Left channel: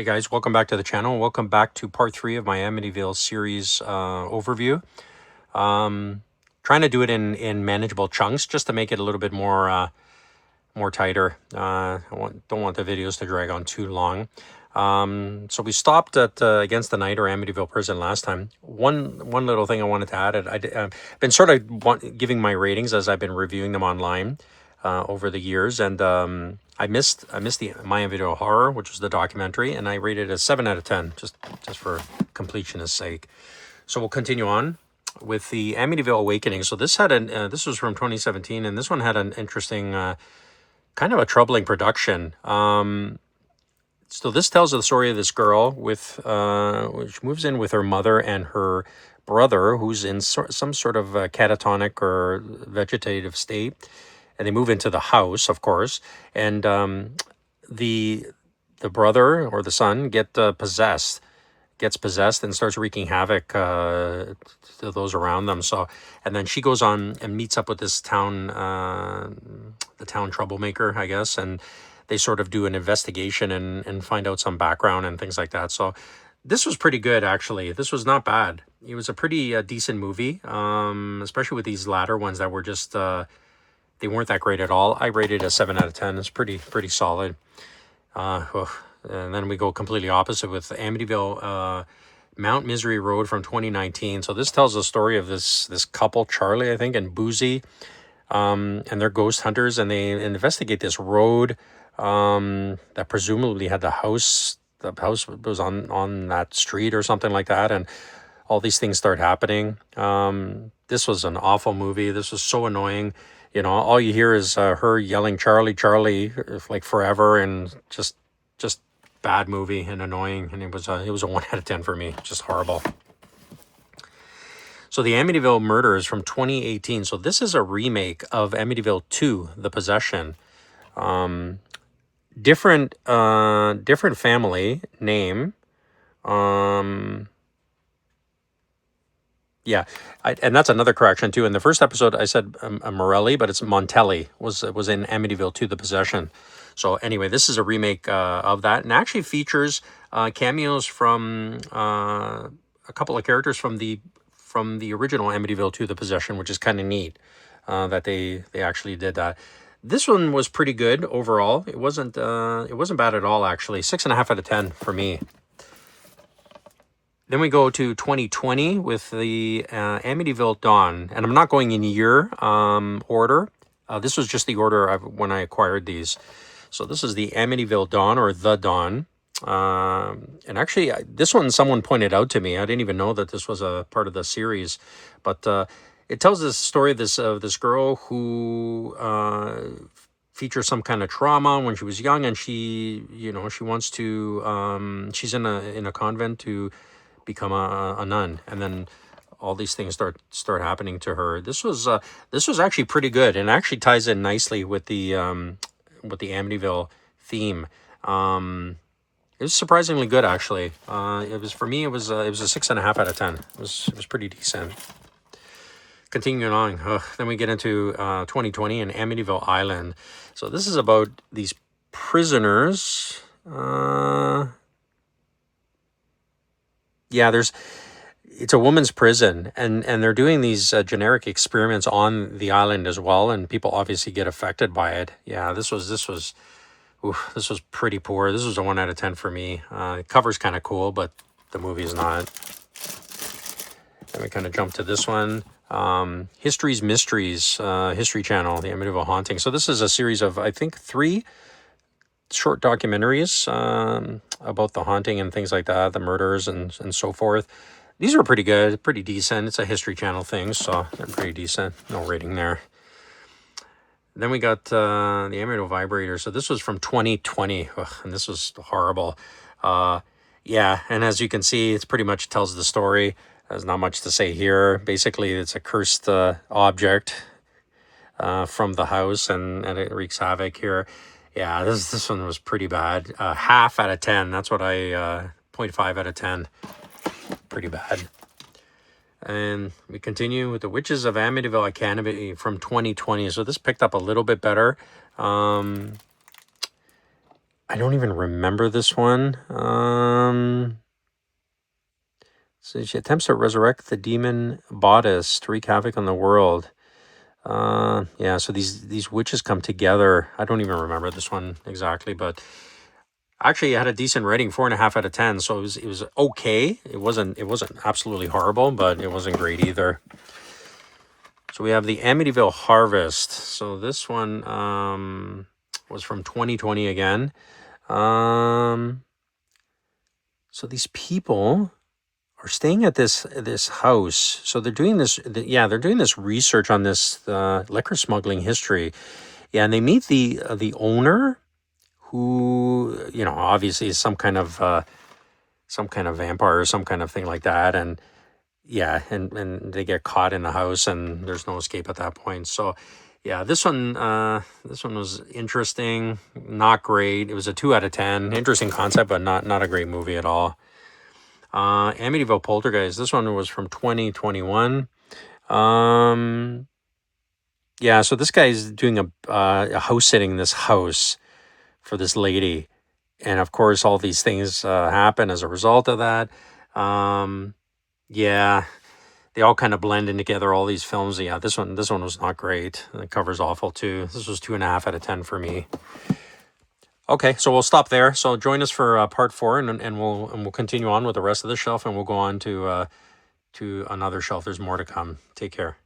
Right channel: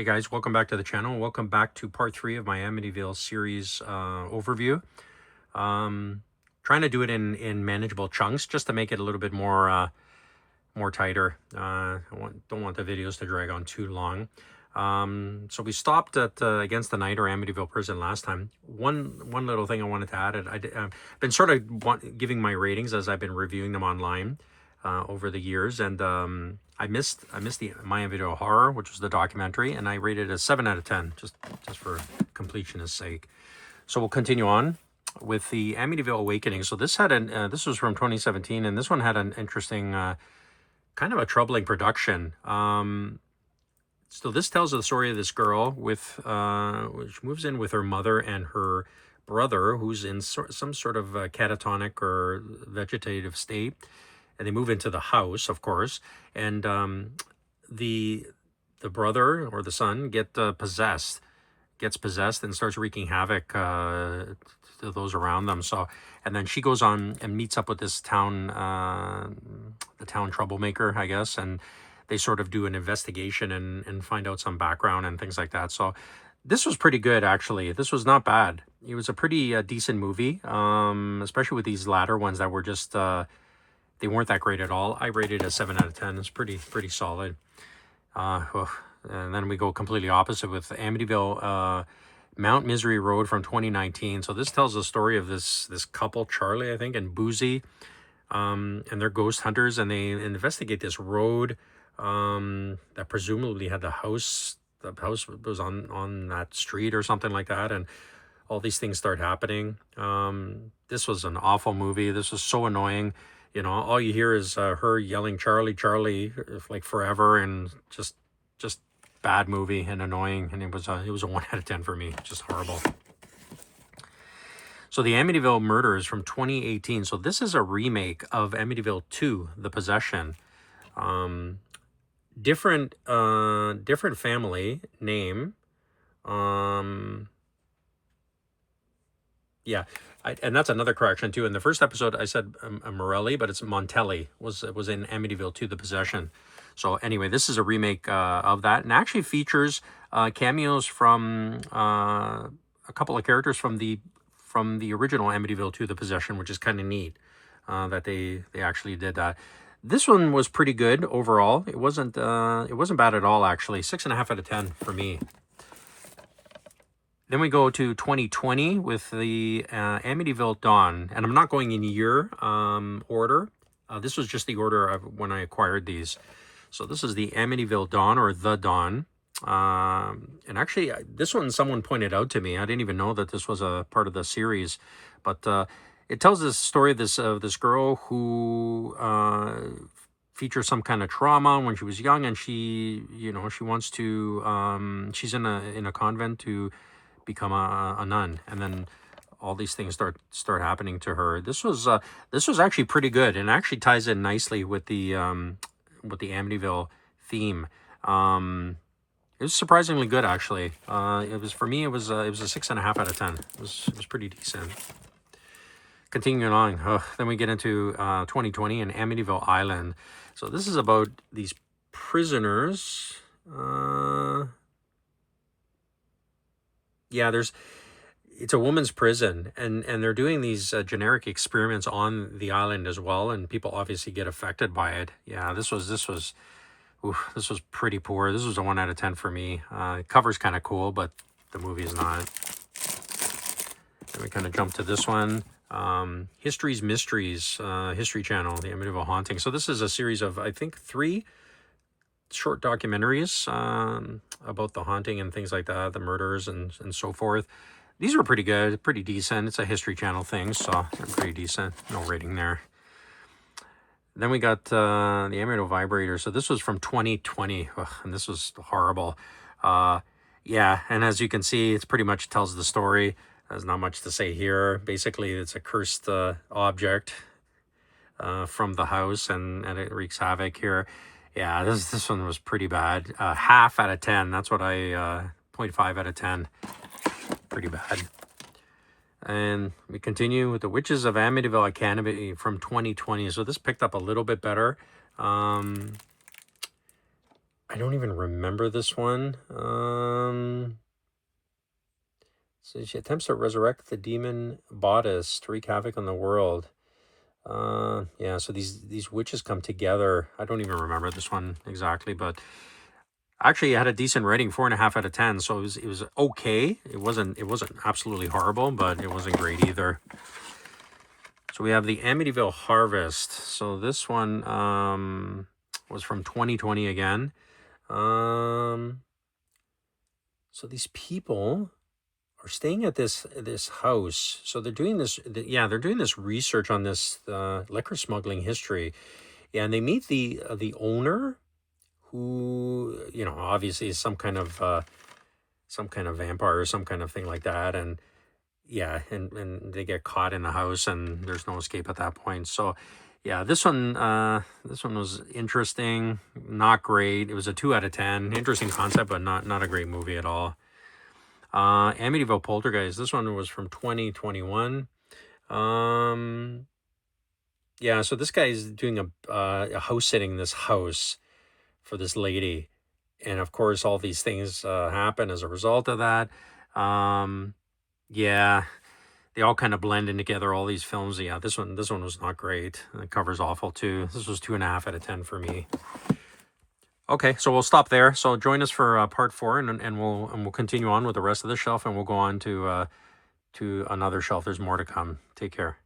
Hey guys, welcome back to the channel. Welcome back to part 3 of my Amityville series overview. Trying to do it in manageable chunks just to make it a little bit more tighter. Don't want the videos to drag on too long. So we stopped at Against the Night, or Amityville Prison, last time. One little thing I wanted to add, I've been sort of giving my ratings as I've been reviewing them online over the years, and I missed the My Amityville Horror, which was the documentary, and I rated it a 7 out of 10, just for completionist sake. So we'll continue on with the Amityville Awakening. So this had this was from 2017, and this one had an interesting, kind of a troubling production. So this tells the story of this girl which moves in with her mother and her brother, who's in some sort of catatonic or vegetative state, and they move into the house, of course, and the brother or the son gets possessed and starts wreaking havoc to those around them. So, and then she goes on and meets up with this the town troublemaker, I guess, and they sort of do an investigation and find out some background and things like that. So this was pretty good, actually. This was not bad. It was a pretty decent movie, especially with these latter ones that were just, they weren't that great at all. I rated a 7 out of 10. It's pretty solid. And then we go completely opposite with Amityville Mount Misery Road from 2019. So this tells the story of this couple, Charlie, I think, and Boozy, and they're ghost hunters, and they investigate this road that presumably had the house was on that street or something like that, and all these things start happening. This was an awful movie. This was so annoying. You know, all you hear is her yelling Charlie, Charlie, like forever, and just bad movie and annoying. And it was a 1 out of 10 for me. Just horrible. So the Amityville Murders from 2018. So this is a remake of Amityville 2, The Possession. Different family name. Yeah, and that's another correction too. In the first episode, I said Morelli, but it's Montelli. Was in Amityville 2, The Possession. So anyway, this is a remake of that, and actually features cameos from a couple of characters from the original Amityville 2, The Possession, which is kind of neat that they actually did that. This one was pretty good overall. It wasn't bad at all, actually. 6.5 out of 10 for me. Then we go to 2020 with the Amityville Dawn, and I'm not going in year order. This was just the order when I acquired these. So this is the Amityville Dawn, or The Dawn. And actually, this one someone pointed out to me. I didn't even know that this was a part of the series, but it tells the story of this girl who features some kind of trauma when she was young, and she wants to she's in a convent to become a nun, and then all these things start happening to her. This was actually pretty good, and actually ties in nicely with the Amityville theme. It was surprisingly good, actually. It was, for me, it was a 6.5 out of 10. It was pretty decent. Continuing on, then we get into 2020 and Amityville Island. So this is about these prisoners. Yeah, it's a woman's prison, and they're doing these generic experiments on the island as well, and people obviously get affected by it. Yeah, this was pretty poor. This was a 1 out of 10 for me. The cover's kind of cool, but the movie's not. Then we kind of jump to this one. History's Mysteries, History Channel, the Amityville Haunting. So this is a series of, I think, 3 short documentaries about the haunting and things like that, the murders and so forth. These are pretty good, pretty decent. It's a History Channel thing, so they're pretty decent. No rating there. Then we got the Amityville Vibrator. So this was from 2020, and this was horrible. Yeah, and as you can see, it pretty much tells the story. There's not much to say here. Basically, it's a cursed object from the house, and it wreaks havoc here. Yeah, this one was pretty bad. Half out of 10. That's what I 0.5 out of 10. Pretty bad. And we continue with the Witches of Amityville Academy from 2020. So this picked up a little bit better. I don't even remember this one. So she attempts to resurrect the demon bodice to wreak havoc on the world. Yeah, so these witches come together. I don't even remember this one exactly, but actually it had a decent rating, 4.5 out of 10. So it was okay. It wasn't absolutely horrible, but it wasn't great either. So we have the Amityville Harvest. So this one was from 2020 again. So these people are staying at this house. So they're doing this. They're doing this research on this liquor smuggling history. Yeah, and they meet the owner, who obviously is some kind of vampire or some kind of thing like that. And yeah, and they get caught in the house, and there's no escape at that point. So yeah, this one was interesting, not great. It was a 2 out of 10. Interesting concept, but not a great movie at all. Amityville Poltergeist. This one was from 2021. Yeah, so this guy's doing a house sitting in this house for this lady, and of course all these things happen as a result of that. Yeah, they all kind of blend in together, all these films. Yeah, this one was not great. The cover's awful too. This was 2.5 out of 10 for me. Okay, so we'll stop there. So join us for part 4, and we'll continue on with the rest of the shelf, and we'll go on to another shelf. There's more to come. Take care.